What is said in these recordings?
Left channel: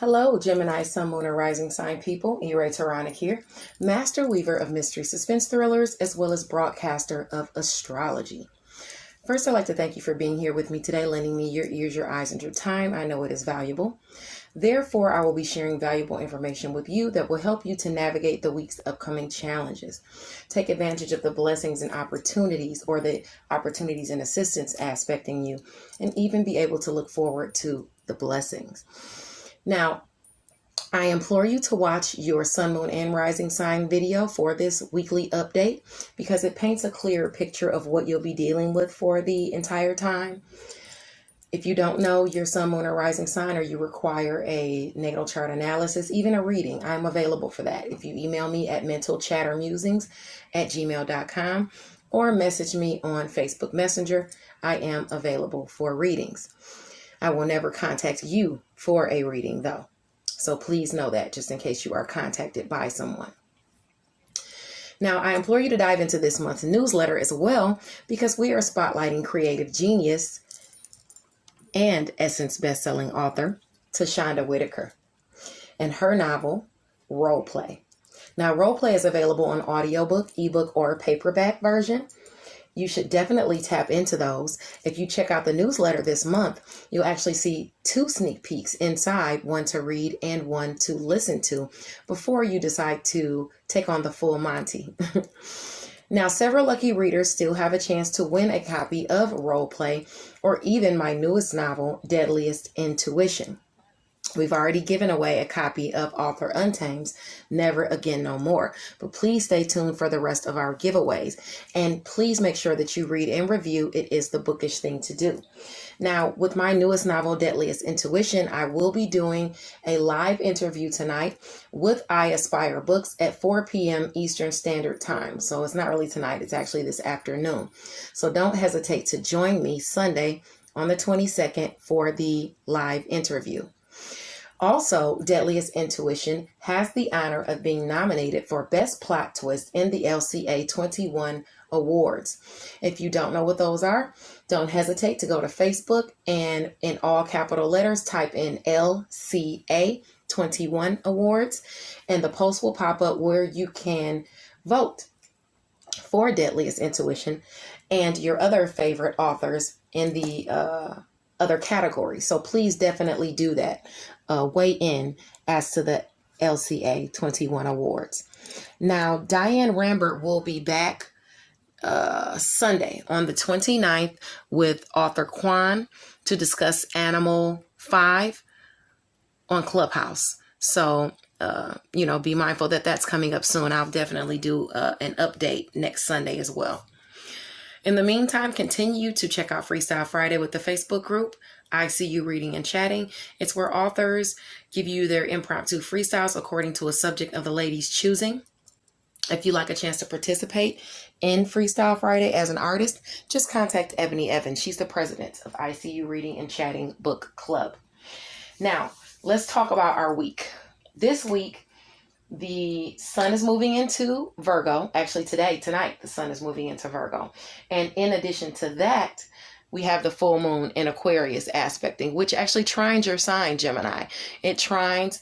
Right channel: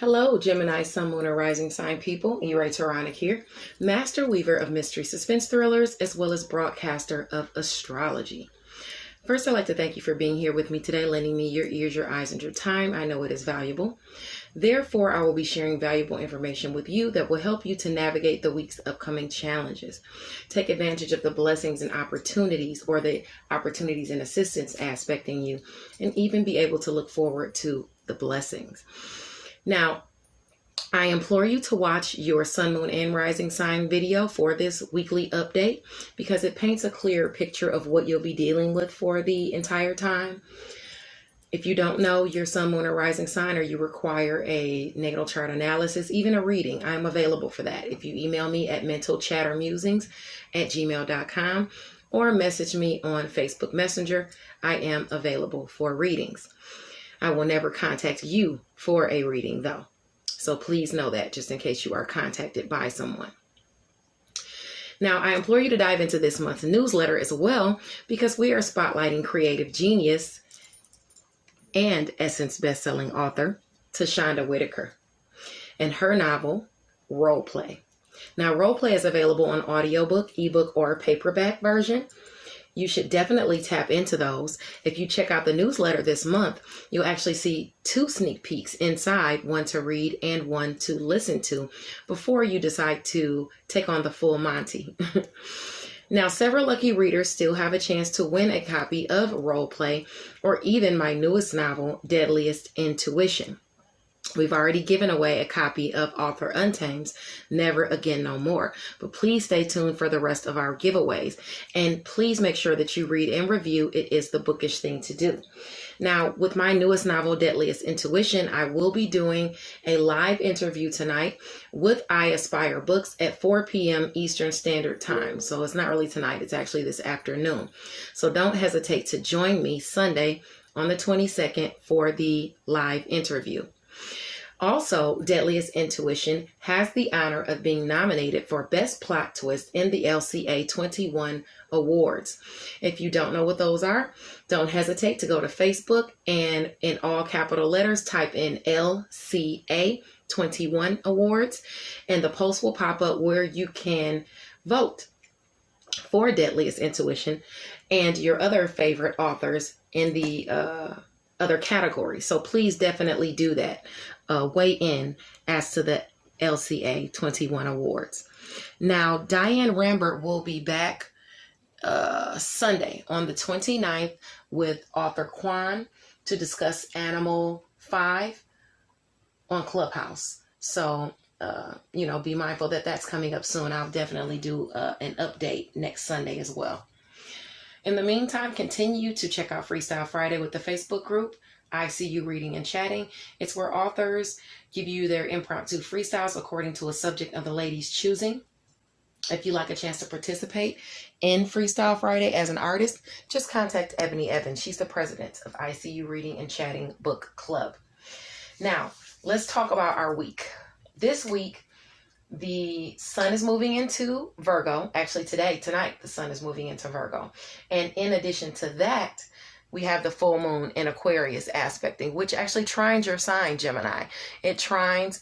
Hello, Gemini, Sun, Moon, and Rising Sign people. E-Ray Taronic here, master weaver of mystery suspense thrillers, as well as broadcaster of astrology. First, I'd like to thank you for being here with me today, lending me your ears, your eyes, and your time. I know it is valuable. Therefore, I will be sharing valuable information with you that will help you to navigate the week's upcoming challenges. Take advantage of the blessings and opportunities, or the opportunities and assistance aspecting you, and even be able to look forward to the blessings. Now, I implore you to watch your Sun, Moon, and Rising sign video for this weekly update because it paints a clear picture of what you'll be dealing with for the entire time. If you don't know your Sun, Moon, or Rising sign, or you require a natal chart analysis, even a reading, I'm available for that. If you email me at mentalchattermusings@gmail.com or message me on Facebook Messenger, I am available for readings. I will never contact you for a reading, though. So please know that, just in case you are contacted by someone. Now, I implore you to dive into this month's newsletter as well, because we are spotlighting creative genius and Essence bestselling author Tashonda Whitaker and her novel, Role Play. Now, Role Play is available on audiobook, ebook, or paperback version. You should definitely tap into those. If you check out the newsletter this month, you'll actually see 2 sneak peeks inside, one to read and one to listen to before you decide to take on the full Monty. Now, several lucky readers still have a chance to win a copy of Role Play or even my newest novel, Deadliest Intuition. We've already given away a copy of author Untamed's Never Again No More, but please stay tuned for the rest of our giveaways. And please make sure that you read and review. It is the bookish thing to do. Now, with my newest novel, Deadliest Intuition, I will be doing a live interview tonight with I Aspire Books at 4 p.m. Eastern Standard Time. So it's not really tonight, it's actually this afternoon. So don't hesitate to join me Sunday on the 22nd for the live interview. Also, Deadliest Intuition has the honor of being nominated for Best Plot Twist in the LCA 21 Awards. If you don't know what those are, don't hesitate to go to Facebook and in all capital letters, type in LCA 21 Awards, and the post will pop up where you can vote for Deadliest Intuition and your other favorite authors in the other categories. So please definitely do that. Weigh in as to the LCA 21 Awards. Now, Diane Rambert will be back Sunday on the 29th with author Quan to discuss Animal 5 on Clubhouse. So, be mindful that that's coming up soon. I'll definitely do an update next Sunday as well. In the meantime, continue to check out Freestyle Friday with the Facebook group, I See You Reading and Chatting. It's where authors give you their impromptu freestyles according to a subject of the lady's choosing. If you'd like a chance to participate in Freestyle Friday as an artist, just contact Ebony Evans. She's the president of I See You Reading and Chatting Book Club. Now, let's talk about our week. This week, the sun is moving into Virgo. Actually, tonight, the sun is moving into Virgo. And in addition to that, we have the full moon in Aquarius aspecting, which actually trines your sign, Gemini. It trines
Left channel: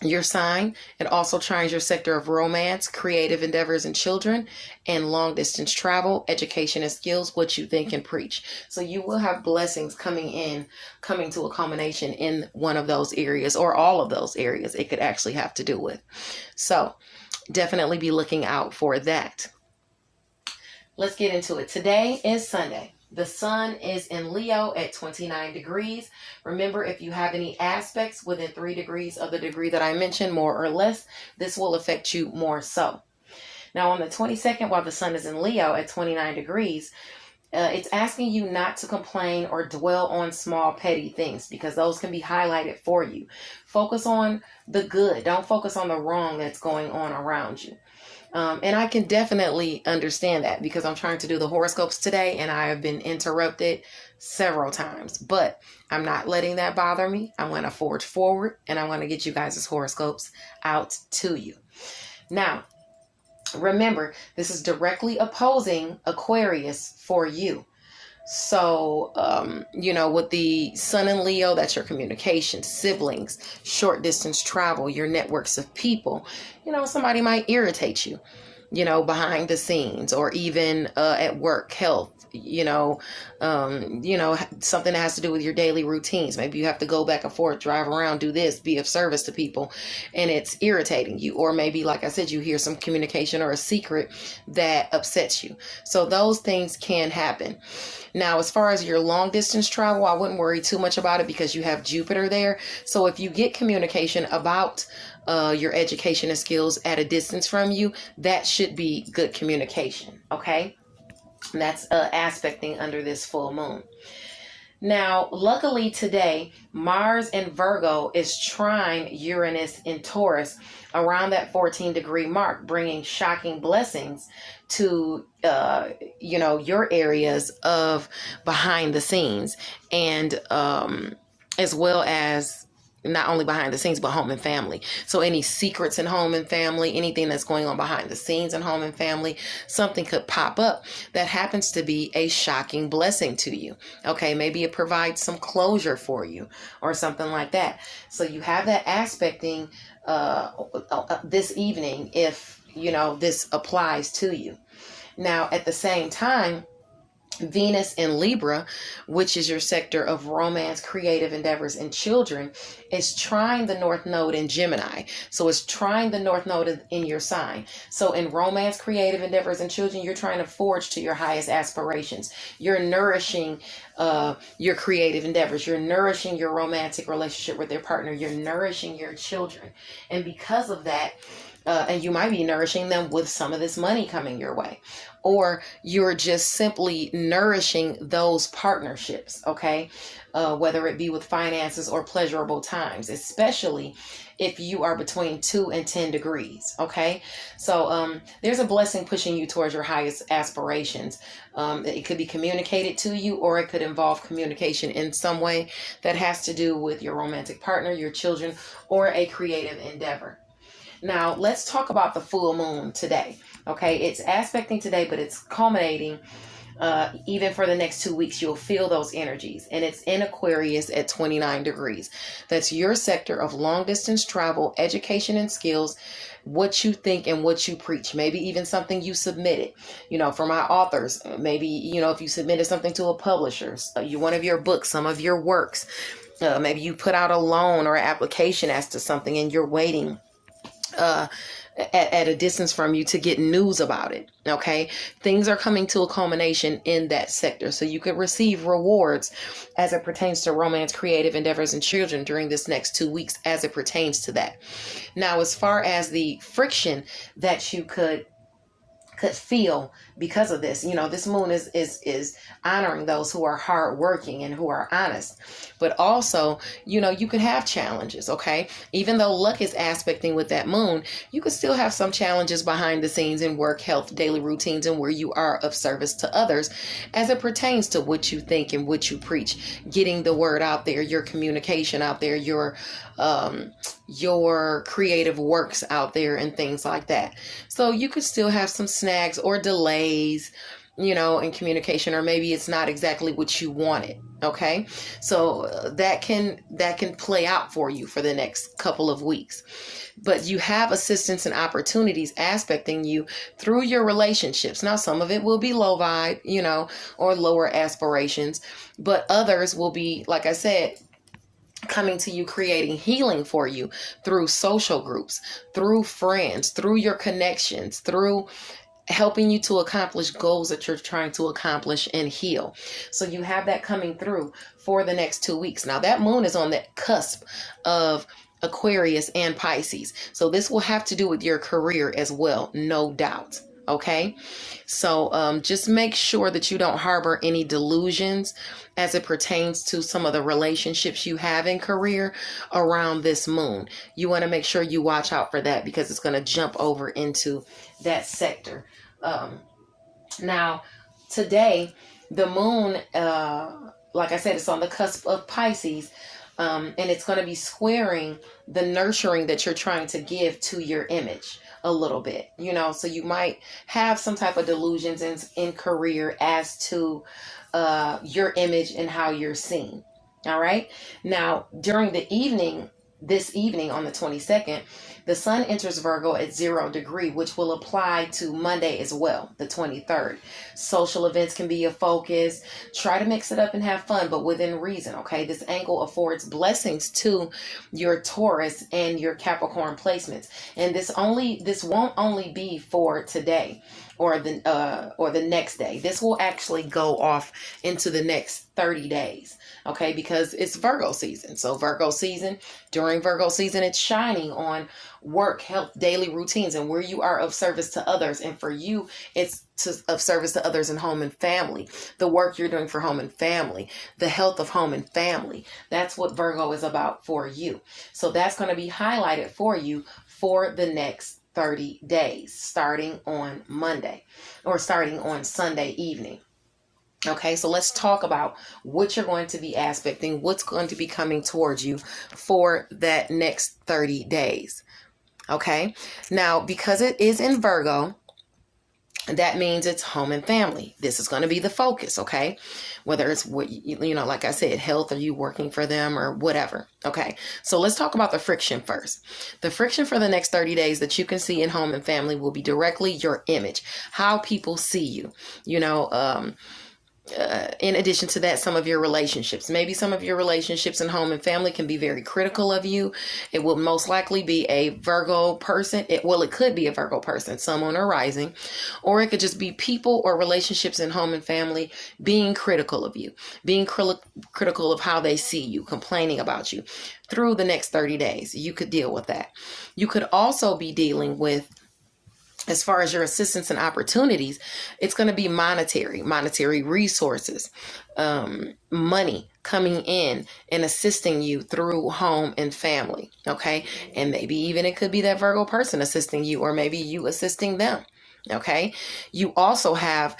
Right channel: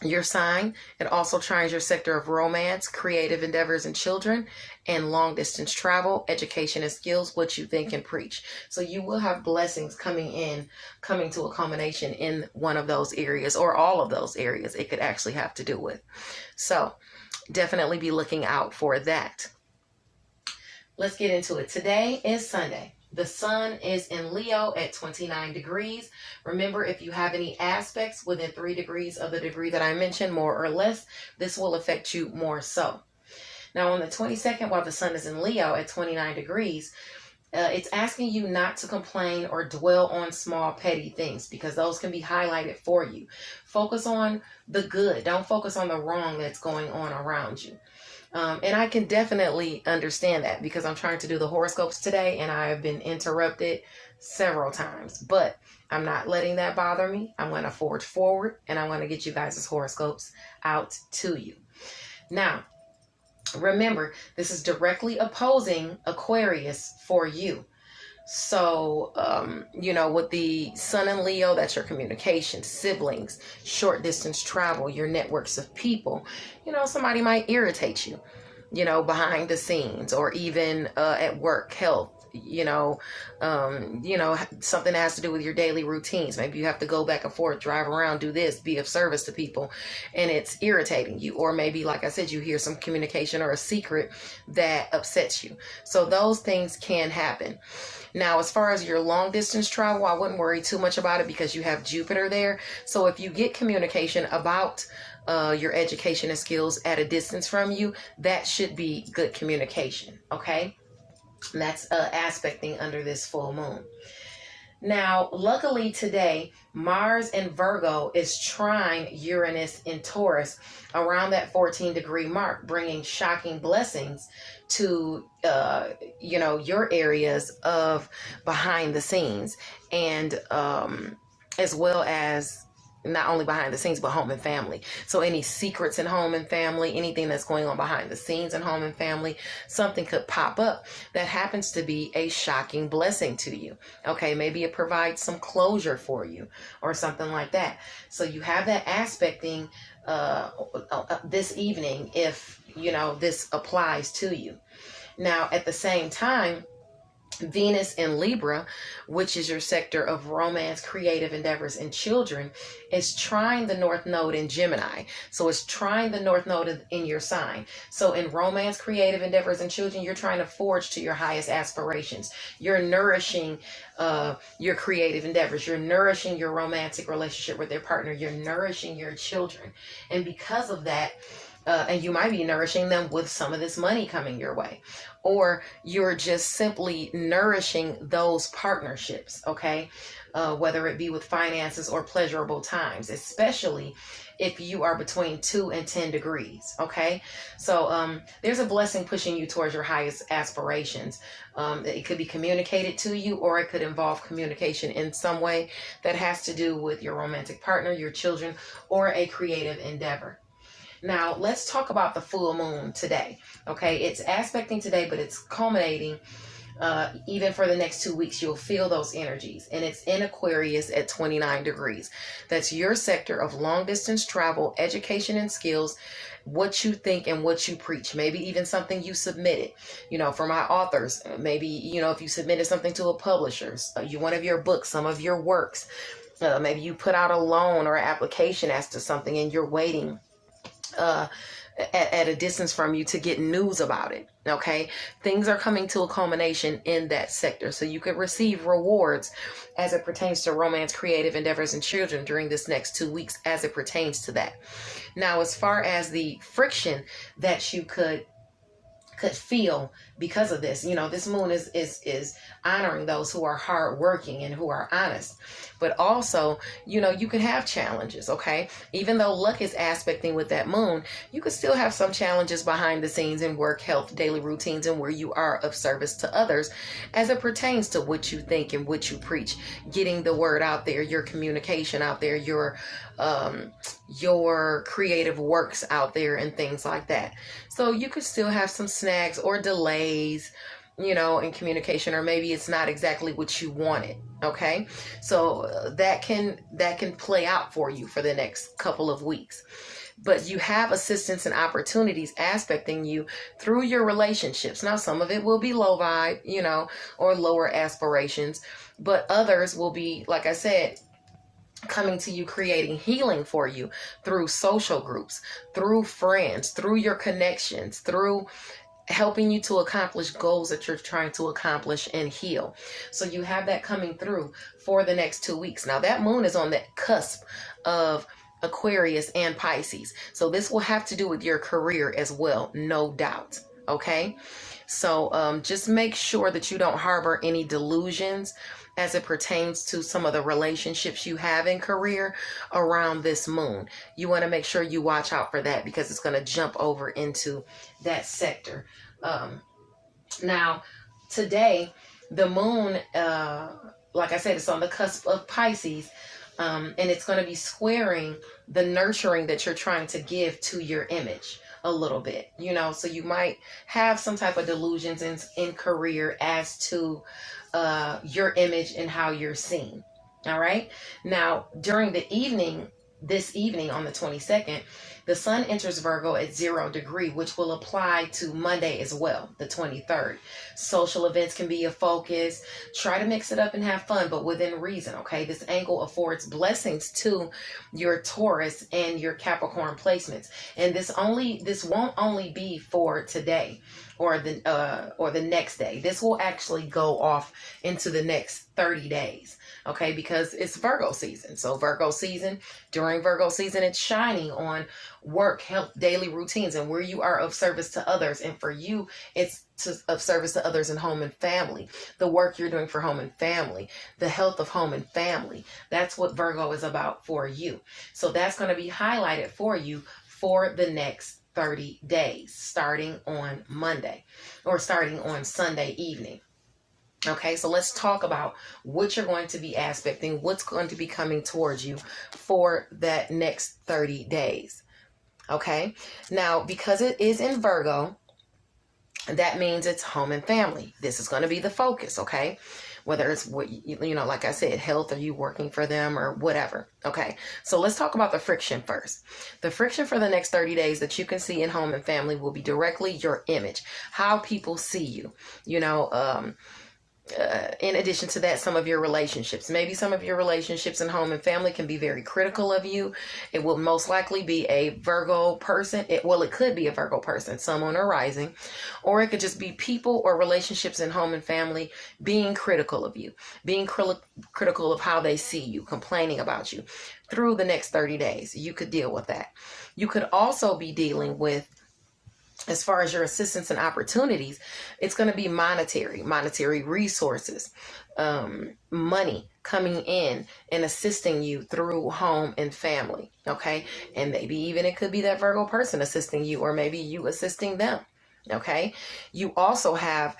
your sign. It also trines your sector of romance, creative endeavors and children, and long distance travel, education and skills, what you think and preach. So you will have blessings coming to a culmination in one of those areas, or all of those areas it could actually have to do with. So definitely be looking out for that. Let's get into it. Today is Sunday. The sun is in Leo at 29 degrees. Remember, if you have any aspects within 3 degrees of the degree that I mentioned, more or less, this will affect you more so. Now, on the 22nd, while the sun is in Leo at 29 degrees, it's asking you not to complain or dwell on small petty things, because those can be highlighted for you. Focus on the good. Don't focus on the wrong that's going on around you. And I can definitely understand that, because I'm trying to do the horoscopes today and I have been interrupted several times, but I'm not letting that bother me. I'm going to forge forward and I want to get you guys' horoscopes out to you. Now, remember, this is directly opposing Aquarius for you. So, with the sun in Leo, that's your communication, siblings, short distance travel, your networks of people. Somebody might irritate you, behind the scenes, or even at work, health, something that has to do with your daily routines. Maybe you have to go back and forth, drive around, do this, be of service to people, and it's irritating you. Or maybe, like I said, you hear some communication or a secret that upsets you. So those things can happen. Now, as far as your long distance travel, I wouldn't worry too much about it because you have Jupiter there. So if you get communication about your education and skills at a distance from you, that should be good communication. Okay. And that's aspecting under this full moon. Now, luckily today, Mars in Virgo is trine Uranus in Taurus around that 14-degree mark, bringing shocking blessings to, your areas of behind the scenes, and as well as not only behind the scenes, but home and family. So any secrets in home and family, anything that's going on behind the scenes in home and family, something could pop up that happens to be a shocking blessing to you. Okay, maybe it provides some closure for you or something like that. So you have that aspecting this evening if, this applies to you. Now, at the same time, Venus in Libra, which is your sector of romance, creative endeavors, and children, is trine the North Node in Gemini. So it's trine the North Node in your sign. So in romance, creative endeavors, and children, you're trying to forge to your highest aspirations. You're nourishing your creative endeavors. You're nourishing your romantic relationship with your partner. You're nourishing your children. And because of that, and you might be nourishing them with some of this money coming your way. Or you're just simply nourishing those partnerships, okay? Whether it be with finances or pleasurable times, especially if you are between 2 and 10 degrees, okay? So there's a blessing pushing you towards your highest aspirations. It could be communicated to you, or it could involve communication in some way that has to do with your romantic partner, your children, or a creative endeavor. Now, let's talk about the full moon today. Okay, it's aspecting today, but it's culminating even for the next 2 weeks. You'll feel those energies, and it's in Aquarius at 29 degrees. That's your sector of long distance travel, education and skills, what you think and what you preach. Maybe even something you submitted, for my authors. Maybe, if you submitted something to a publisher, one of your books, some of your works. Maybe you put out a loan or application as to something, and you're waiting at a distance from you to get news about it. Okay, things are coming to a culmination in that sector, so you could receive rewards as it pertains to romance, creative endeavors, and children during this next 2 weeks as it pertains to that. Now, as far as the friction that you could feel because of this, this moon is honoring those who are hardworking and who are honest. But also, you could have challenges, okay? Even though luck is aspecting with that moon, you could still have some challenges behind the scenes in work, health, daily routines, and where you are of service to others as it pertains to what you think and what you preach, getting the word out there, your communication out there, your creative works out there, and things like that. So you could still have some snags or delays, in communication, or maybe it's not exactly what you wanted. Okay. So that can play out for you for the next couple of weeks. But you have assistance and opportunities aspecting you through your relationships. Now, some of it will be low vibe, or lower aspirations, but others will be, like I said, coming to you, creating healing for you through social groups, through friends, through your connections, through helping you to accomplish goals that you're trying to accomplish and heal. So you have that coming through for the next 2 weeks. Now, that moon is on the cusp of Aquarius and Pisces. So this will have to do with your career as well, no doubt. Okay. So just make sure that you don't harbor any delusions as it pertains to some of the relationships you have in career around this moon. You want to make sure you watch out for that, because it's going to jump over into that sector. Now, today, the moon, like I said, it's on the cusp of Pisces, and it's going to be squaring the nurturing that you're trying to give to your image a little bit, so you might have some type of delusions in career as to your image and how you're seen. All right. Now, during the evening, this evening on the 22nd, the sun enters Virgo at 0 degree, which will apply to Monday as well, the 23rd. Social events can be a focus. Try to mix it up and have fun, but within reason, okay? This angle affords blessings to your Taurus and your Capricorn placements. And this won't only be for today or the next day. This will actually go off into the next 30 days. Okay, because it's Virgo season. So during Virgo season, it's shining on work, health, daily routines, and where you are of service to others. And for you, it's of service to others in home and family. The work you're doing for home and family, the health of home and family. That's what Virgo is about for you. So that's going to be highlighted for you for the next 30 days, starting on Monday or starting on Sunday evening. Okay, so let's talk about what you're going to be aspecting, what's going to be coming towards you for that next 30 days. Okay, now because it is in Virgo, that means it's home and family. This is going to be the focus, okay? Whether it's what, like I said, health, or you working for them or whatever. Okay, so let's talk about the friction first. The friction for the next 30 days that you can see in home and family will be directly your image, how people see you, in addition to that, some of your relationships. Maybe some of your relationships in home and family can be very critical of you. It will most likely be a Virgo person. It could be a Virgo person, Sun, Moon, or Rising. Or it could just be people or relationships in home and family being critical of you, being critical of how they see you, complaining about you through the next 30 days. You could deal with that. You could also be dealing with, as far as your assistance and opportunities, it's going to be monetary resources, money coming in and assisting you through home and family. Okay. And maybe even it could be that Virgo person assisting you, or maybe you assisting them. Okay. You also have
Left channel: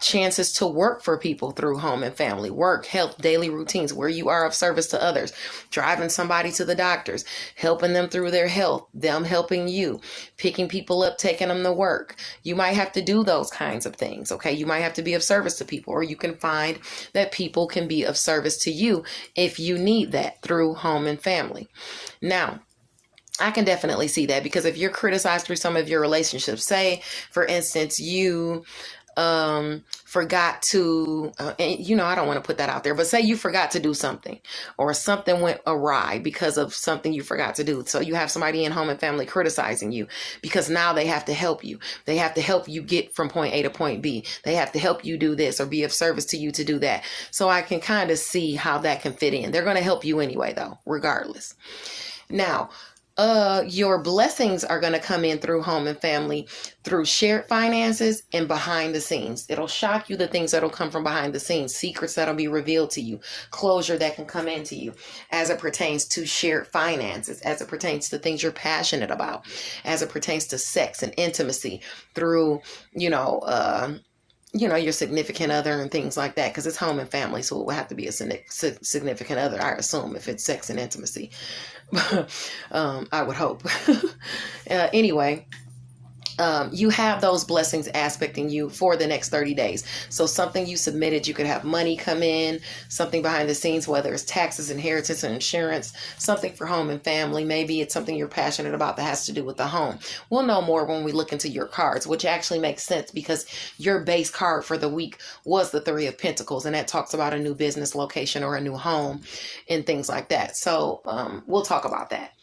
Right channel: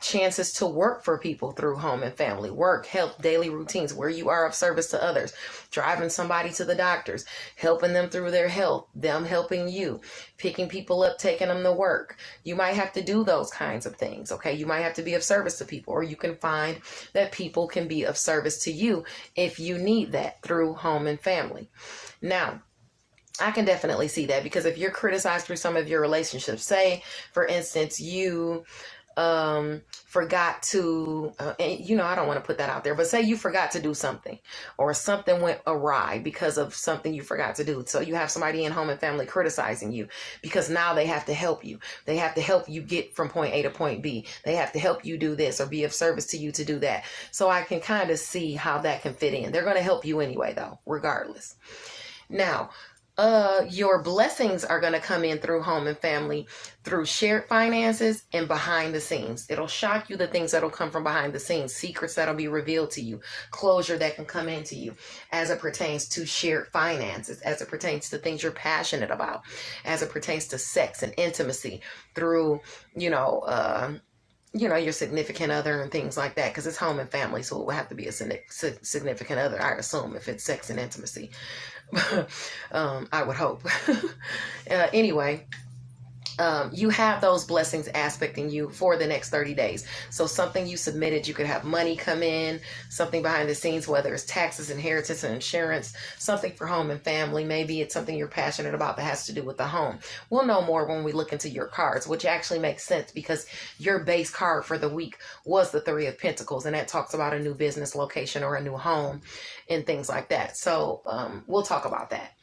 chances to work for people through home and family, work, health, daily routines, where you are of service to others, driving somebody to the doctors, helping them through their health, them helping you, picking people up, taking them to work. You might have to do those kinds of things. Okay. You might have to be of service to people, or you can find that people can be of service to you if you need that through home and family. Now, I can definitely see that, because if you're criticized through some of your relationships, say, for instance, you forgot to, I don't want to put that out there, but say you forgot to do something, or something went awry because of something you forgot to do. So you have somebody in home and family criticizing you because now they have to help you. They have to help you get from point A to point B. They have to help you do this or be of service to you to do that. So I can kind of see how that can fit in. They're going to help you anyway, though, regardless. Now, your blessings are going to come in through home and family, through shared finances and behind the scenes. It'll shock you, the things that'll come from behind the scenes, secrets that'll be revealed to you, closure that can come into you as it pertains to shared finances, as it pertains to things you're passionate about, as it pertains to sex and intimacy through, your significant other and things like that, because it's home and family. So it will have to be a significant other, I assume, if it's sex and intimacy. I would hope. Anyway, you have those blessings aspecting you for the next 30 days. So something you submitted, you could have money come in, something behind the scenes, whether it's taxes, inheritance, and insurance, something for home and family. Maybe it's something you're passionate about that has to do with the home. We'll know more when we look into your cards, which actually makes sense because your base card for the week was the 3 of Pentacles, and that talks about a new business location or a new home and things like that. So we'll talk about that.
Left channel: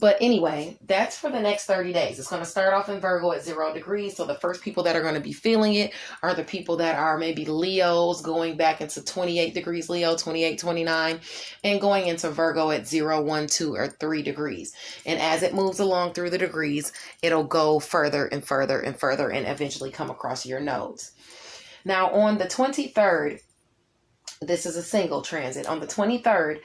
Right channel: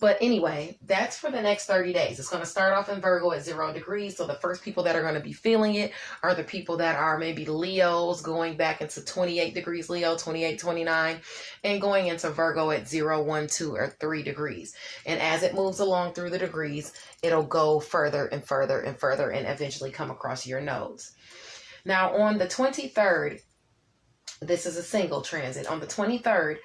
But anyway, that's for the next 30 days. It's going to start off in Virgo at 0 degrees. So the first people that are going to be feeling it are the people that are maybe Leos, going back into 28 degrees Leo, 28, 29, and going into Virgo at 0, 1, 2, or 3 degrees. And as it moves along through the degrees, it'll go further and further and further and eventually come across your nodes. Now on the 23rd, This is a single transit. On the 23rd,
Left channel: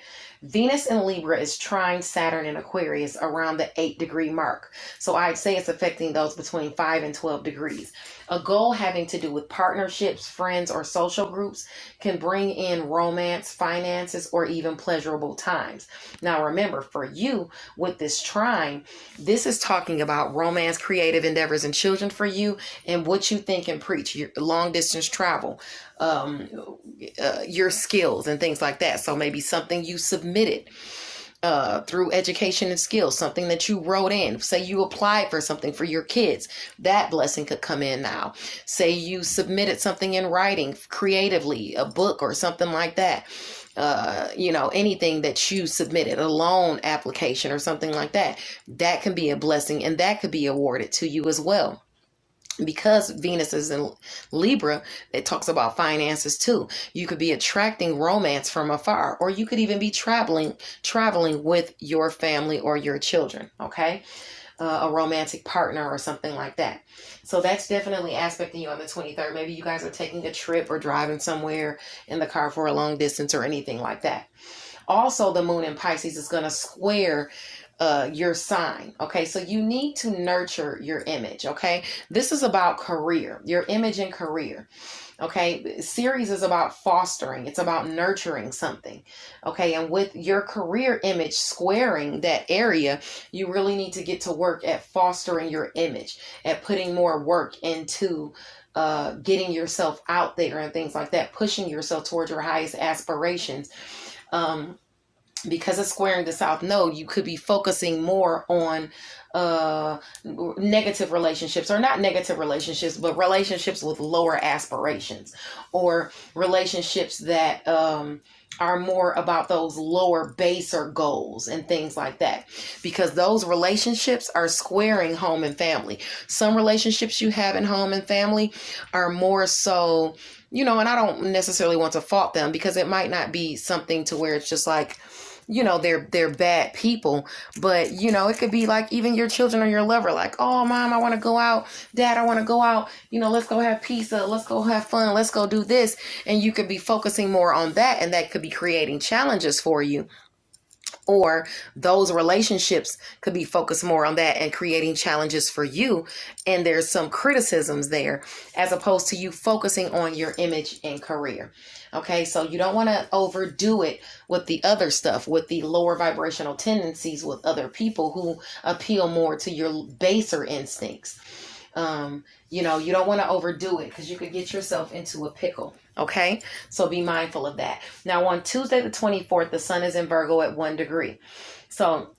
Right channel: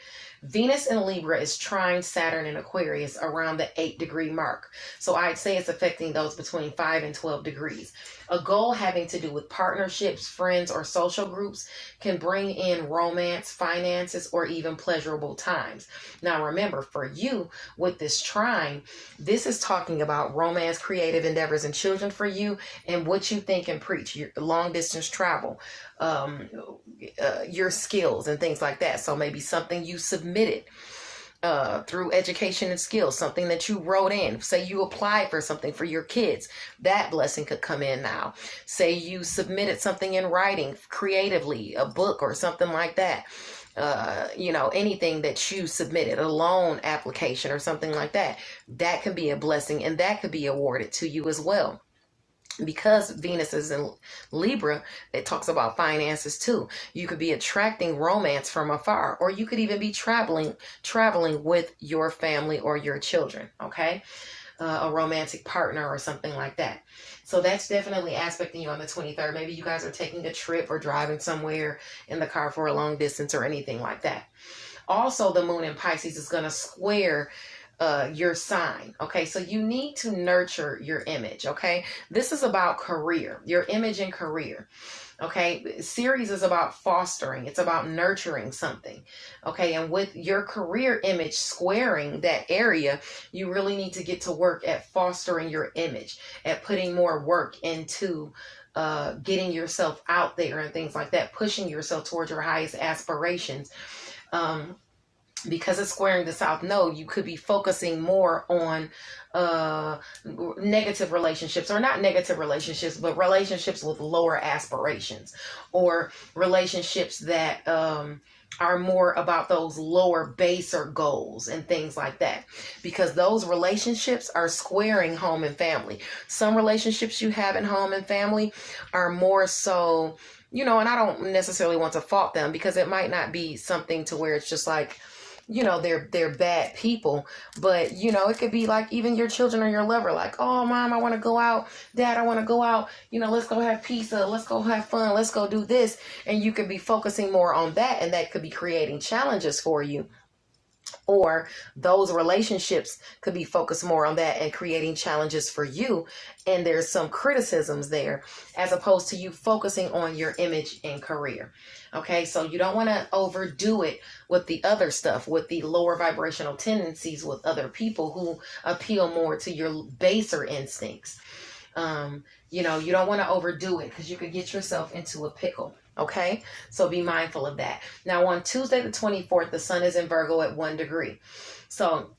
Venus in Libra is trine Saturn in Aquarius around the 8-degree mark. So I'd say it's affecting those between 5 and 12 degrees. A goal having to do with partnerships, friends, or social groups can bring in romance, finances, or even pleasurable times. Now remember, for you with this trine, this is talking about romance, creative endeavors, and children for you, and what you think and preach, your long distance travel, your skills and things like that. So maybe something you submitted through education and skills, something that you wrote in. Say you applied for something for your kids, that blessing could come in now. Say you submitted something in writing creatively, a book or something like that. Anything that you submitted, a loan application or something like that, that can be a blessing, and that could be awarded to you as well. Because Venus is in Libra, it talks about finances too. You could be attracting romance from afar, or you could even be traveling with your family or your children, okay? A romantic partner or something like that. So that's definitely aspecting you on the 23rd. Maybe you guys are taking a trip or driving somewhere in the car for a long distance or anything like that. Also, the moon in Pisces is going to square your sign. Okay, so you need to nurture your image. Okay, this is about career, your image and career. Okay, series is about fostering, it's about nurturing something. Okay, and with your career image squaring that area, you really need to get to work at fostering your image, at putting more work into getting yourself out there and things like that, pushing yourself towards your highest aspirations. Because it's squaring the South Node, you could be focusing more on negative relationships, or not negative relationships, but relationships with lower aspirations, or relationships that are more about those lower, baser goals and things like that. Because those relationships are squaring home and family. Some relationships you have in home and family are more so, and I don't necessarily want to fault them, because it might not be something to where it's just like, they're bad people, but it could be like even your children or your lover, like, oh, mom, I want to go out, dad, I want to go out, let's go have pizza, let's go have fun, let's go do this. And you could be focusing more on that, and that could be creating challenges for you. Or those relationships could be focused more on that and creating challenges for you. And there's some criticisms there, as opposed to you focusing on your image and career. Okay, so you don't want to overdo it with the other stuff, with the lower vibrational tendencies with other people who appeal more to your baser instincts. You don't want to overdo it, because you could get yourself into a pickle. Okay, so be mindful of that. Now on Tuesday the 24th, the sun is in Virgo at 1 degree. So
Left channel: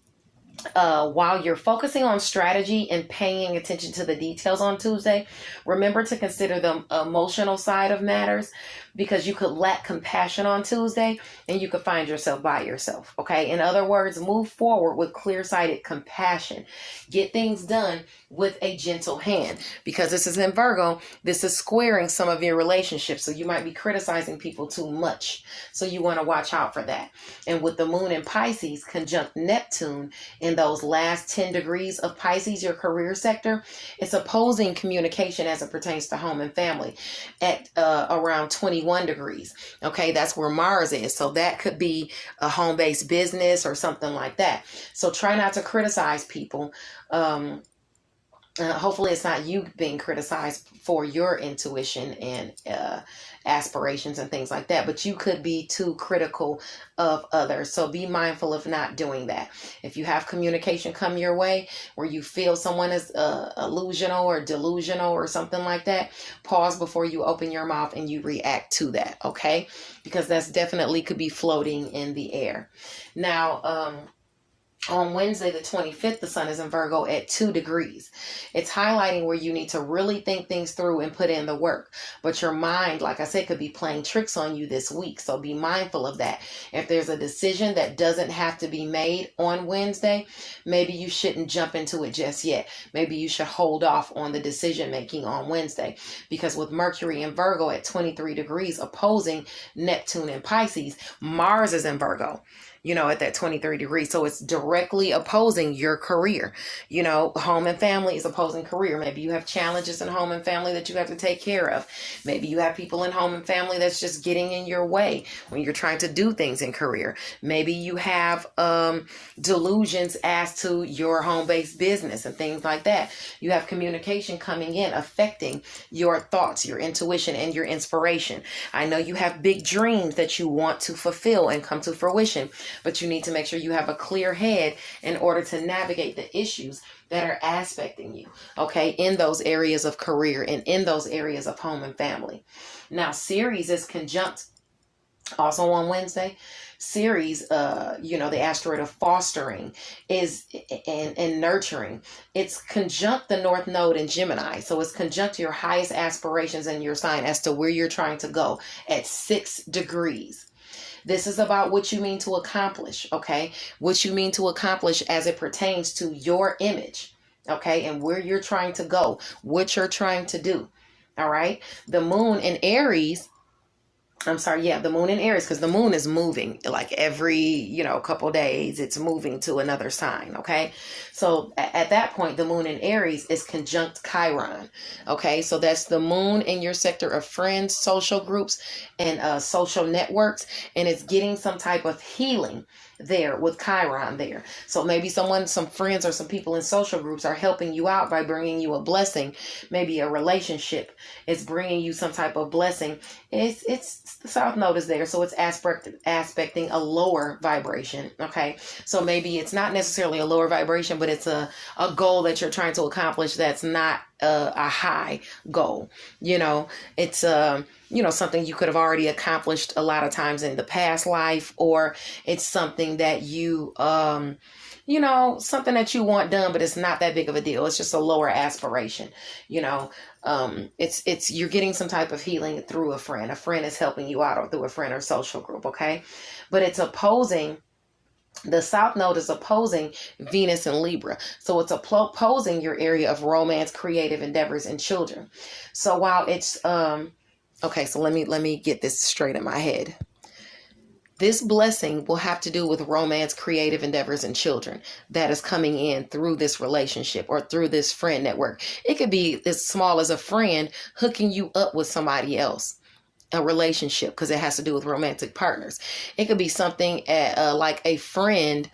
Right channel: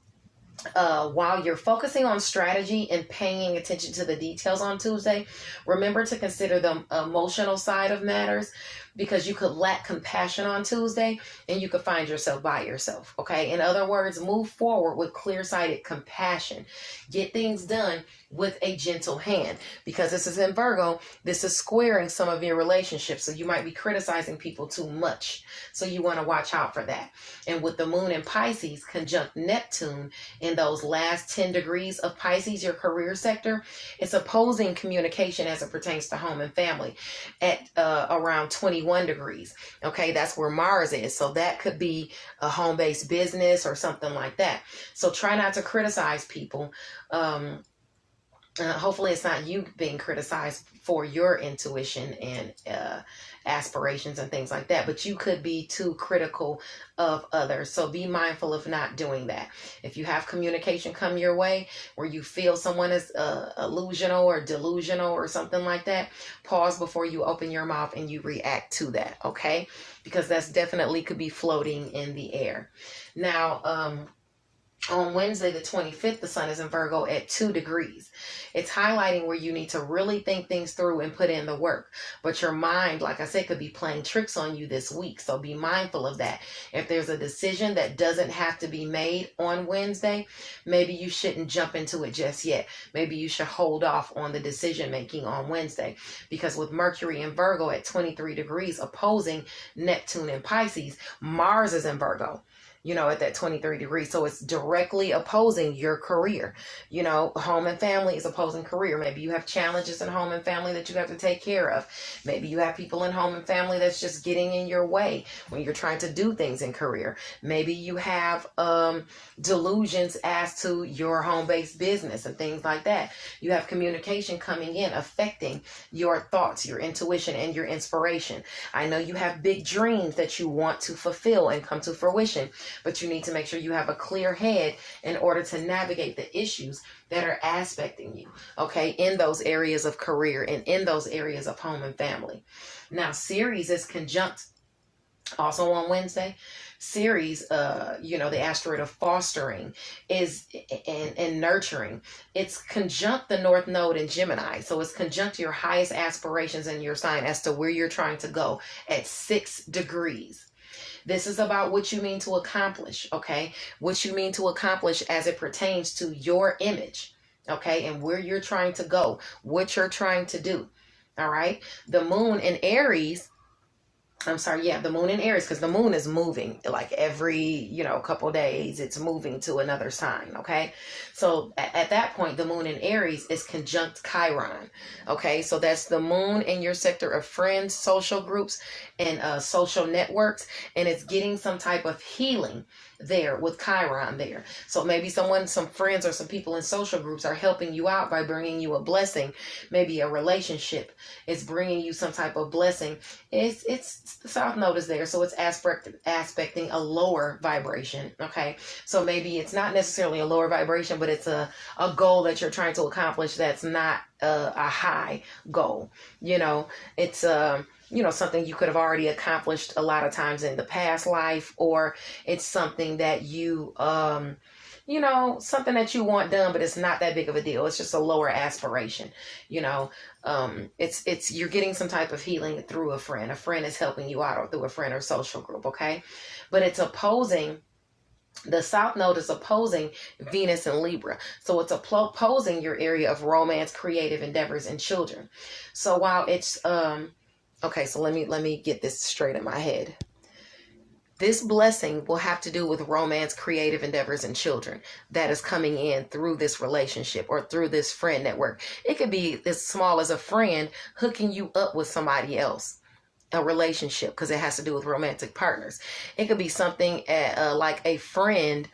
while you're focusing on strategy and paying attention to the details on Tuesday, remember to consider the emotional side of matters, because you could lack compassion on Tuesday and you could find yourself by yourself. Okay. In other words, move forward with clear-sighted compassion. Get things done with a gentle hand, because this is in Virgo. This is squaring some of your relationships. So you might be criticizing people too much. So you want to watch out for that. And with the moon in Pisces conjunct Neptune in those last 10 degrees of Pisces, your career sector, it's opposing communication as it pertains to home and family at around 21 degrees. Okay, that's where Mars is. So that could be a home-based business or something like that. So try not to criticize people. Hopefully it's not you being criticized for your intuition and aspirations and things like that, but you could be too critical of others. So be mindful of not doing that. If you have communication come your way where you feel someone is illusional or delusional or something like that, pause before you open your mouth and you react to that. Okay, because that's definitely could be floating in the air. Now on Wednesday, the 25th, the sun is in Virgo at 2 degrees. It's highlighting where you need to really think things through and put in the work. But your mind, like I said, could be playing tricks on you this week. So be mindful of that. If there's a decision that doesn't have to be made on Wednesday, maybe you shouldn't jump into it just yet. Maybe you should hold off on the decision making on Wednesday. Because with Mercury in Virgo at 23 degrees opposing Neptune in Pisces, Mars is in Virgo, at that 23 degrees. So it's direct directly opposing your career. You know, home and family is opposing career. Maybe you have challenges in home and family that you have to take care of. Maybe you have people in home and family that's just getting in your way when you're trying to do things in career. Maybe you have delusions as to your home-based business and things like that. You have communication coming in, affecting your thoughts, your intuition, and your inspiration. I know you have big dreams that you want to fulfill and come to fruition, but you need to make sure you have a clear head in order to navigate the issues that are aspecting you, okay, in those areas of career and in those areas of home and family. Now, Ceres is conjunct also on Wednesday. Ceres, the asteroid of fostering is and nurturing. It's conjunct the North Node in Gemini. So it's conjunct your highest aspirations in your sign as to where you're trying to go at 6 degrees. This is about what you mean to accomplish, okay? What you mean to accomplish as it pertains to your image, okay? And where you're trying to go, what you're trying to do, all right? The moon in Aries, the moon in Aries, because the moon is moving like every, couple days, it's moving to another sign, okay? So at that point, the moon in Aries is conjunct Chiron, okay? So that's the moon in your sector of friends, social groups, and social networks, and it's getting some type of healing there with Chiron there. So maybe some friends or some people in social groups are helping you out by bringing you a blessing. Maybe a relationship is bringing you some type of blessing. It's the South Node is there, so it's aspecting a lower vibration, okay? So maybe it's not necessarily a lower vibration, but it's a goal that you're trying to accomplish that's not a high goal. It's something you could have already accomplished a lot of times in the past life, or it's something that you something that you want done, but it's not that big of a deal. It's just a lower aspiration. It's you're getting some type of healing through a friend. A friend is helping you out, or through a friend or social group, okay? But it's opposing. The South Node is opposing Venus and Libra. So it's opposing your area of romance, creative endeavors, and children. So while it's okay, so let me get this straight in my head. This blessing will have to do with romance, creative endeavors, and children that is coming in through this relationship or through this friend network. It could be as small as a friend hooking you up with somebody else, a relationship, because it has to do with romantic partners. It could be something like a friend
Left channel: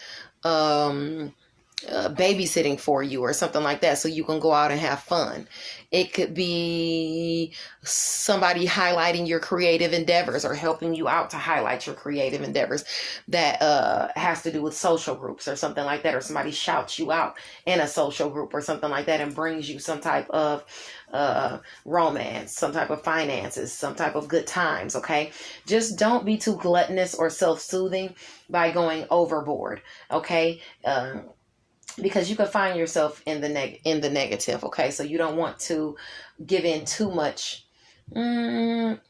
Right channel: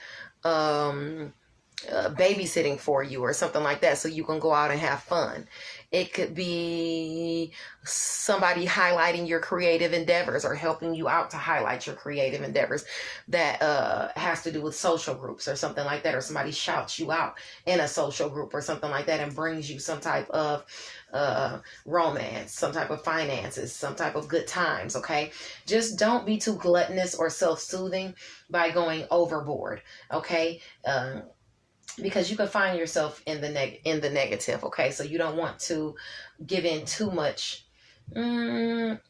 babysitting for you or something like that, so you can go out and have fun. It could be somebody highlighting your creative endeavors or helping you out to highlight your creative endeavors that has to do with social groups or something like that, or somebody shouts you out in a social group or something like that and brings you some type of romance, some type of finances, some type of good times, okay? Just don't be too gluttonous or self-soothing by going overboard, okay? Because you can find yourself in the negative, okay? So you don't want to give in too much. Maybe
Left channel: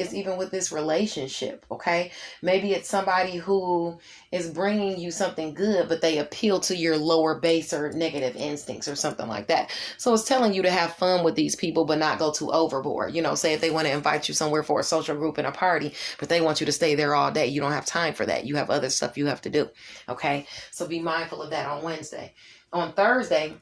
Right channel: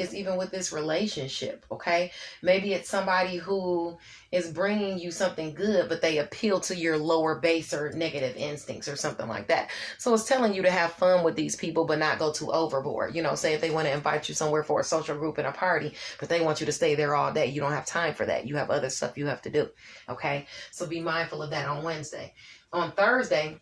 it's even with this relationship, okay? Maybe it's somebody who is bringing you something good, but they appeal to your lower base or negative instincts or something like that. So it's telling you to have fun with these people, but not go too overboard. Say if they want to invite you somewhere for a social group and a party, but they want you to stay there all day. You don't have time for that. You have other stuff you have to do, okay? So be mindful of that on Wednesday. On Thursday,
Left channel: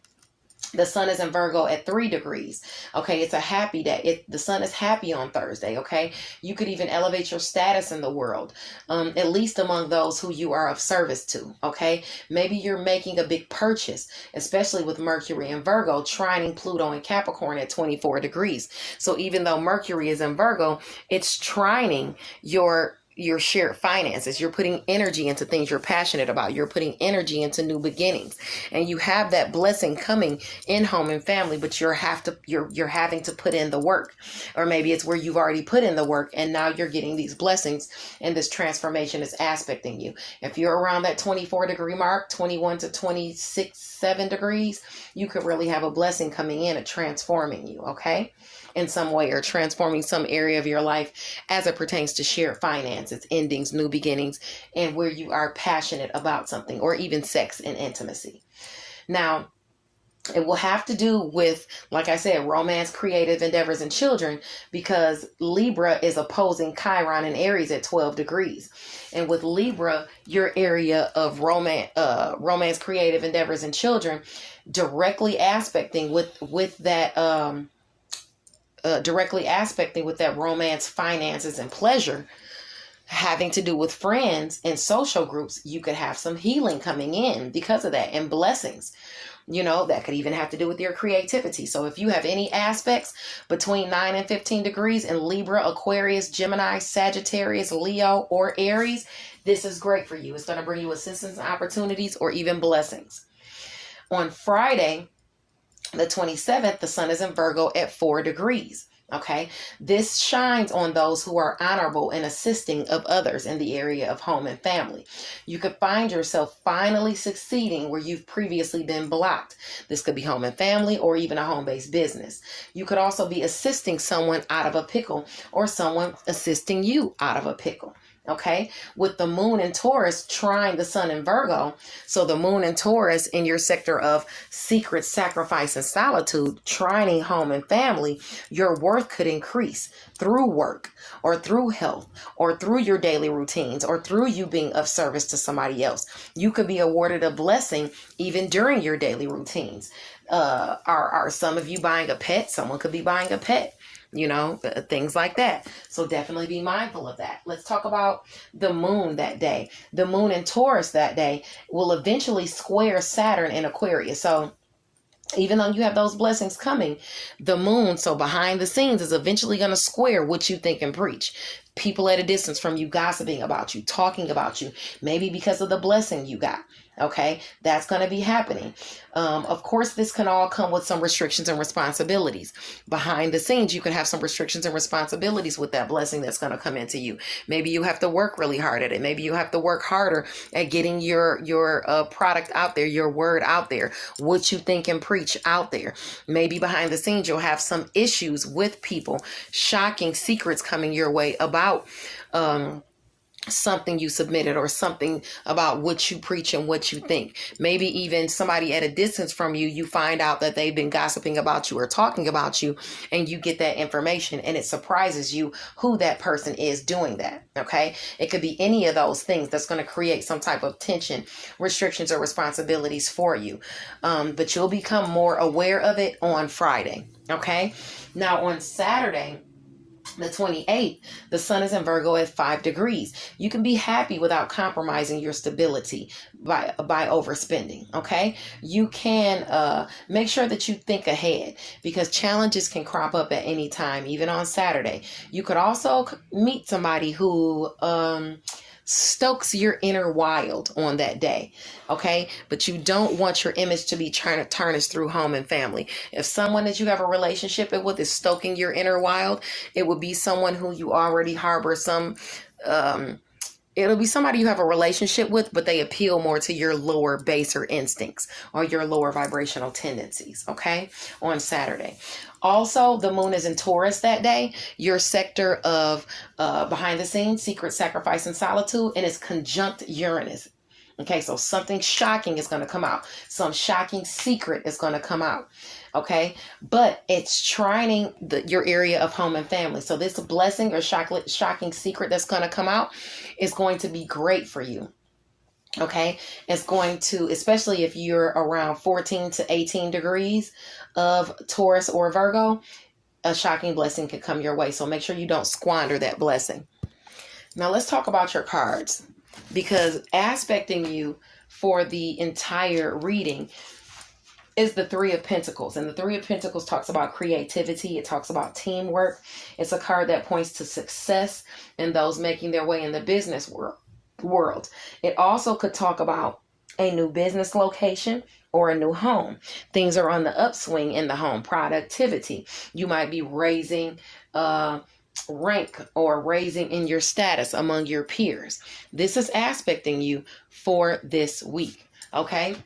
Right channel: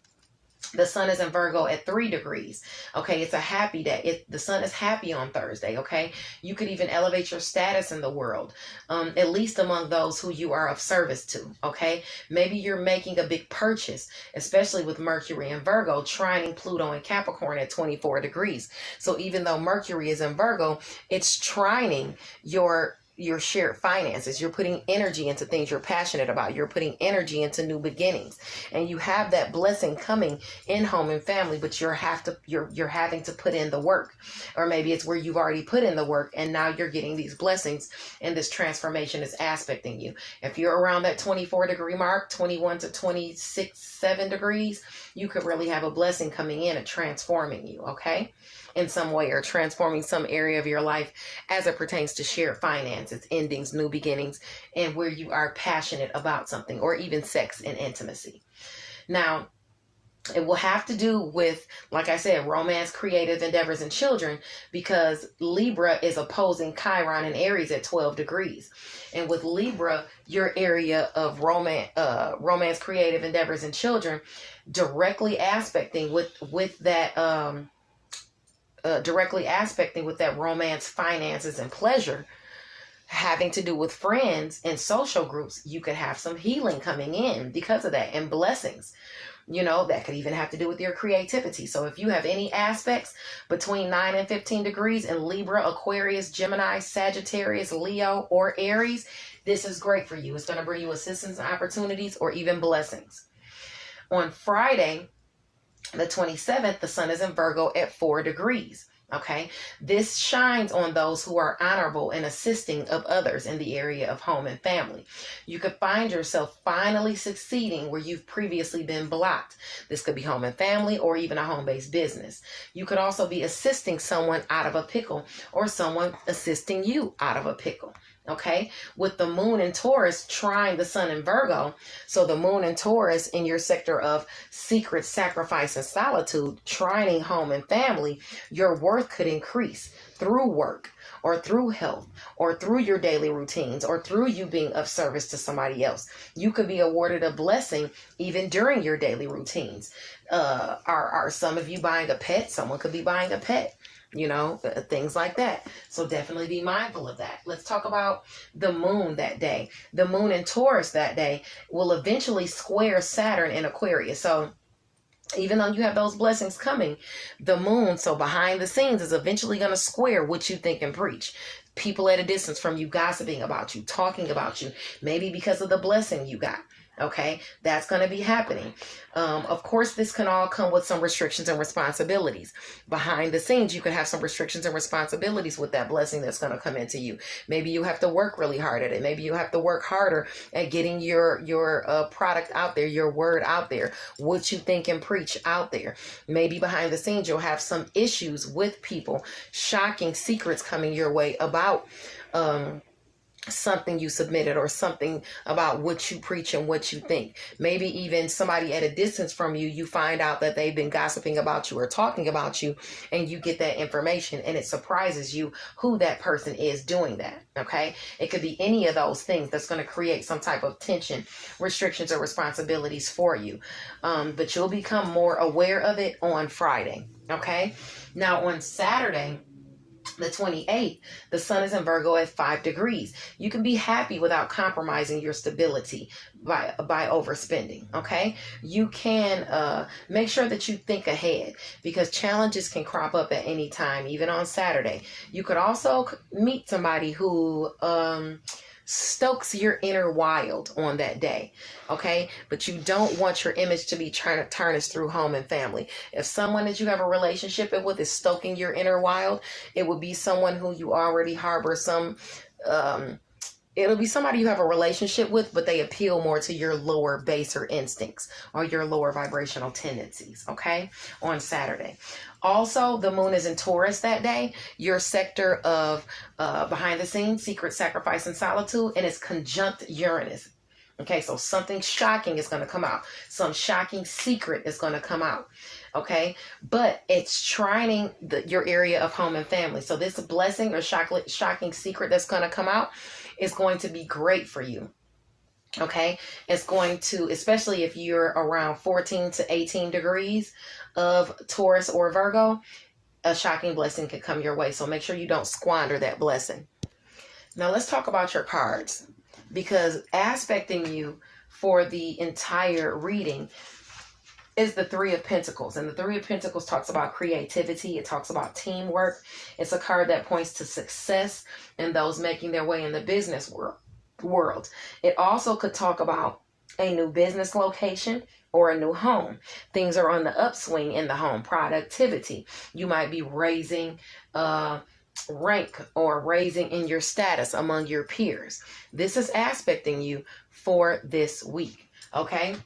the sun is in Virgo at 3 degrees. Okay, it's a happy day. The sun is happy on Thursday, okay? You could even elevate your status in the world, at least among those who you are of service to, okay? Maybe you're making a big purchase, especially with Mercury in Virgo, trining Pluto in Capricorn at 24 degrees. So even though Mercury is in Virgo, it's trining your shared finances. You're putting energy into things you're passionate about. You're putting energy into new beginnings, and you have that blessing coming in home and family, but you're having to put in the work, or maybe it's where you've already put in the work and now you're getting these blessings, and this transformation is aspecting you. If you're around that 24 degree mark, 21 to 26, 7 degrees, you could really have a blessing coming in and transforming you, okay? In some way, or transforming some area of your life as it pertains to shared finances, endings, new beginnings, and where you are passionate about something, or even sex and intimacy. Now, It will have to do with, like I said, romance, creative endeavors, and children, because Libra is opposing Chiron in Aries at 12 degrees. And with Libra, your area of romance, creative endeavors, and children, directly aspecting with that romance, finances, and pleasure, having to do with friends and social groups. You could have some healing coming in because of that, and blessings. That could even have to do with your creativity. So if you have any aspects between 9 and 15 degrees in Libra, Aquarius, Gemini, Sagittarius, Leo, or Aries, this is great for you. It's going to bring you assistance and opportunities, or even blessings. On Friday, the 27th, the sun is in Virgo at 4 degrees. Okay, this shines on those who are honorable and assisting of others in the area of home and family. You could find yourself finally succeeding where you've previously been blocked. This could be home and family, or even a home-based business. You could also be assisting someone out of a pickle, or someone assisting you out of a pickle. Okay, with the moon in Taurus trying the sun in Virgo, so the moon in Taurus in your sector of secret, sacrifice, and solitude, trining home and family, your worth could increase through work, or through health, or through your daily routines, or through you being of service to somebody else. You could be awarded a blessing even during your daily routines. Are some of you buying a pet? Someone could be buying a pet. Things like that. So definitely be mindful of that. Let's talk about the moon that day. The moon in Taurus that day will eventually square Saturn in Aquarius. So even though you have those blessings coming, the moon, so behind the scenes, is eventually going to square what you think and preach. People at a distance from you gossiping about you, talking about you, maybe because of the blessing you got. Okay, that's going to be happening. Of course, this can all come with some restrictions and responsibilities. Behind the scenes, you can have some restrictions and responsibilities with that blessing that's going to come into you. Maybe you have to work really hard at it. Maybe you have to work harder at getting your product out there, your word out there, what you think and preach out there. Maybe behind the scenes, you'll have some issues with people, shocking secrets coming your way about something you submitted, or something about what you preach and what you think. Maybe even somebody at a distance from you, you find out that they've been gossiping about you or talking about you, and you get that information, and it surprises you who that person is doing that. Okay, it could be any of those things that's going to create some type of tension, restrictions, or responsibilities for you. But you'll become more aware of it on Friday. Okay, now on Saturday, the 28th, the sun is in Virgo at 5 degrees. You can be happy without compromising your stability by overspending. Okay, you can make sure that you think ahead, because challenges can crop up at any time, even on Saturday. You could also meet somebody who stokes your inner wild on that day. Okay, but you don't want your image to be trying to tarnish through home and family. If someone that you have a relationship with is stoking your inner wild, it would be someone who you already harbor some it'll be somebody you have a relationship with, but they appeal more to your lower, baser instincts, or your lower vibrational tendencies. Okay, on Saturday. Also, the moon is in Taurus that day, your sector of behind the scenes, secret, sacrifice, and solitude, and it's conjunct Uranus. Okay, so something shocking is going to come out. Some shocking secret is going to come out. Okay, but it's trining your area of home and family. So this blessing or shocking secret that's going to come out is going to be great for you. Okay, it's going to, especially if you're around 14 to 18 degrees of Taurus or Virgo, a shocking blessing could come your way. So make sure you don't squander that blessing. Now let's talk about your cards, because aspecting you for the entire reading is the Three of Pentacles. And the Three of Pentacles talks about creativity. It talks about teamwork. It's a card that points to success and those making their way in the business world. It also could talk about a new business location or a new home. Things are on the upswing in the home. Productivity. You might be raising rank or raising in your status among your peers. This is aspecting you for this week. Okay.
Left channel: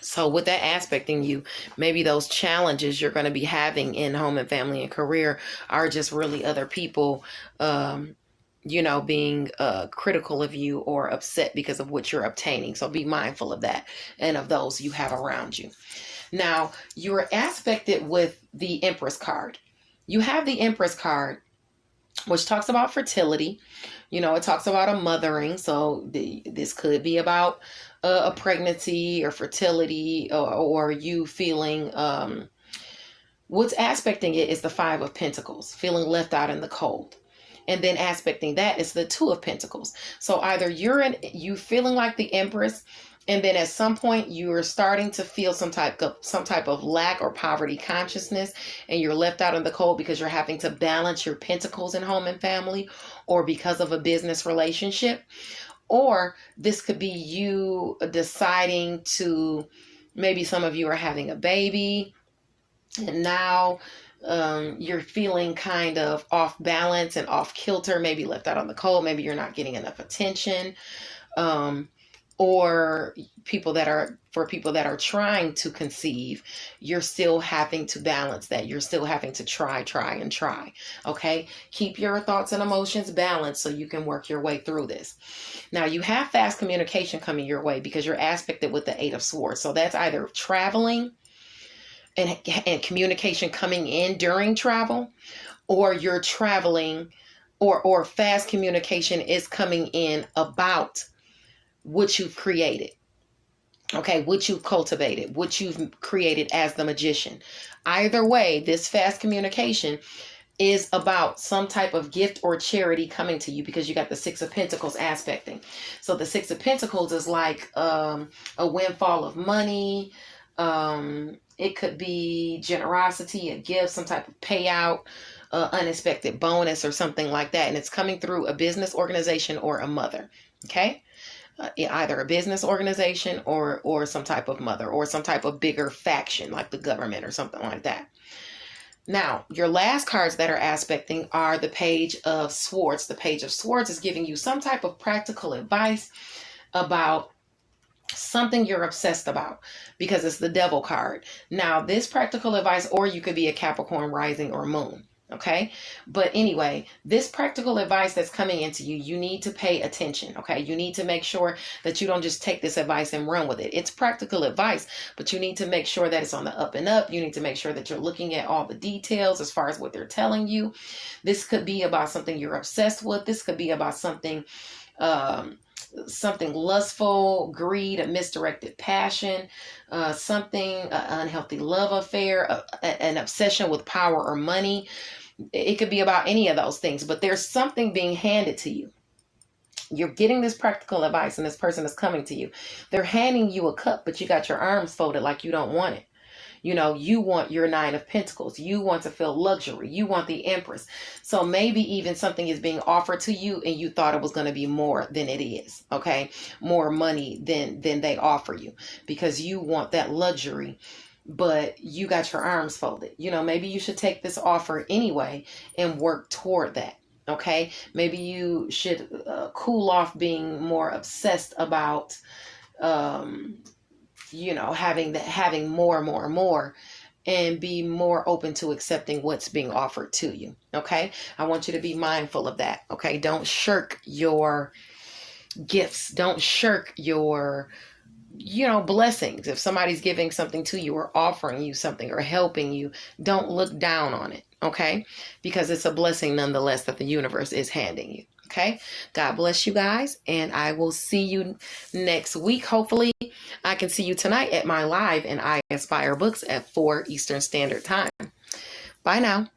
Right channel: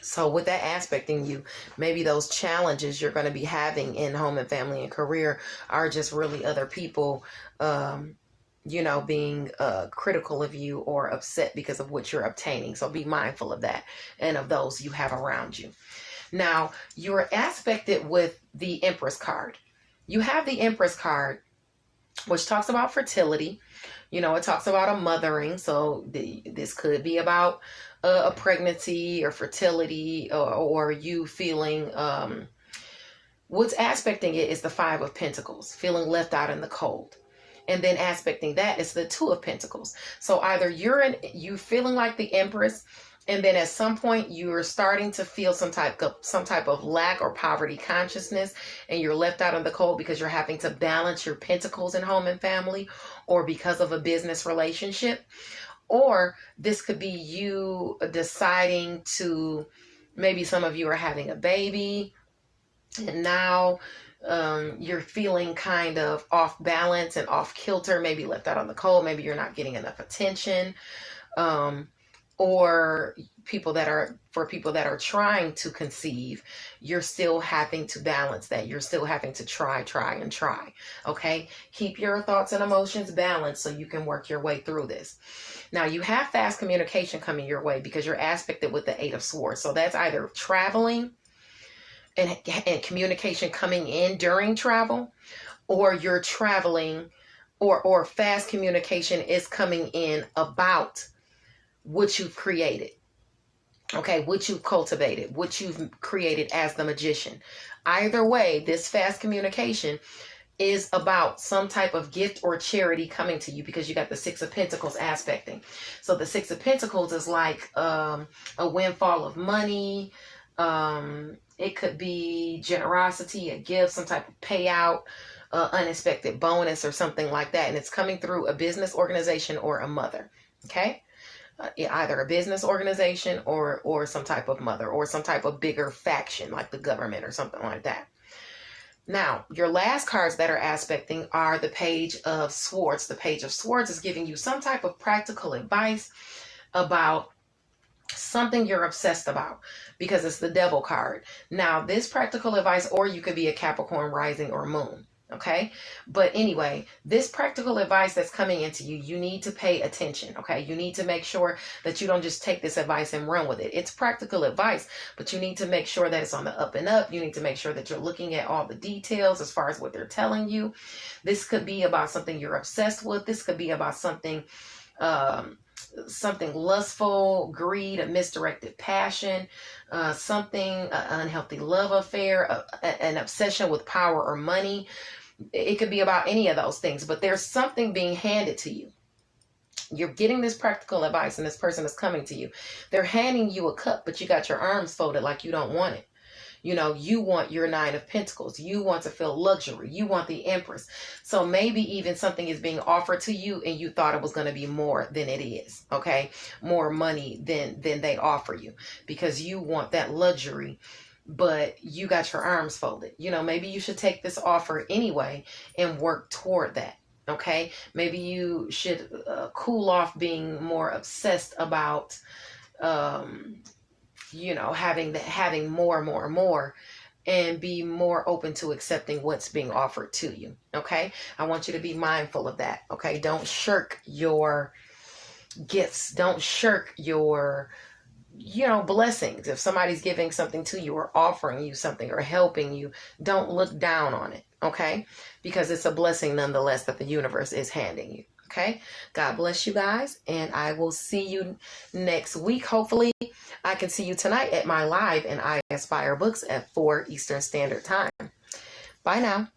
So with that aspecting you, maybe those challenges you're going to be having in home and family and career are just really other people, being critical of you or upset because of what you're obtaining. So be mindful of that and of those you have around you. Now, you're aspected with the Empress card. You have the Empress card, which talks about fertility. You know, it talks about a mothering. So this could be about a pregnancy or fertility, or you feeling, what's aspecting it is the Five of Pentacles, feeling left out in the cold. And then aspecting that is the Two of Pentacles. So either you feeling like the Empress, and then at some point you're starting to feel some type of lack or poverty consciousness, and you're left out in the cold because you're having to balance your pentacles in home and family, or because of a business relationship. Or this could be you deciding to, maybe some of you are having a baby, and now you're feeling kind of off balance and off kilter, maybe left out on the cold, maybe you're not getting enough attention. Or people that are trying to conceive, you're still having to balance that. You're still having to try. Okay. Keep your thoughts and emotions balanced so you can work your way through this. Now, you have fast communication coming your way because you're aspected with the Eight of Swords. So that's either traveling and communication coming in during travel, or you're traveling, or fast communication is coming in about what you've created. Okay, what you've cultivated, what you've created as the magician. Either way, this fast communication is about some type of gift or charity coming to you, because you got the Six of Pentacles aspecting. So the Six of Pentacles is like a windfall of money. It could be generosity, a gift, some type of payout, unexpected bonus or something like that. And it's coming through a business organization or a mother. Okay. Either a business organization or some type of mother, or some type of bigger faction like the government or something like that. Now, your last cards that are aspecting are the Page of Swords. The Page of Swords is giving you some type of practical advice about something you're obsessed about, because it's the Devil card. Now, this practical advice, or you could be a Capricorn rising or moon. Okay. But anyway, this practical advice that's coming into you, you need to pay attention. Okay. You need to make sure that you don't just take this advice and run with it. It's practical advice, but you need to make sure that it's on the up and up. You need to make sure that you're looking at all the details as far as what they're telling you. This could be about something you're obsessed with. This could be about something lustful, greed, a misdirected passion, something, an unhealthy love affair, an obsession with power or money. It could be about any of those things, but there's something being handed to you. You're getting this practical advice, and this person is coming to you. They're handing you a cup, but you got your arms folded like you don't want it. You know, you want your Nine of Pentacles. You want to feel luxury. You want the Empress. So maybe even something is being offered to you and you thought it was going to be more than it is. Okay. More money than they offer you, because you want that luxury, but you got your arms folded. You know, maybe you should take this offer anyway and work toward that. Okay. Maybe you should cool off being more obsessed about, you know, having more, and be more open to accepting what's being offered to you. Okay. I want you to be mindful of that. Okay. Don't shirk your gifts. Don't shirk your, you know, blessings. If somebody's giving something to you or offering you something or helping you, don't look down on it. Okay. Because it's a blessing nonetheless that the universe is handing you. Okay. God bless you guys. And I will see you next week. Hopefully I can see you tonight at my live in I Inspire Books at 4 Eastern Standard Time. Bye now.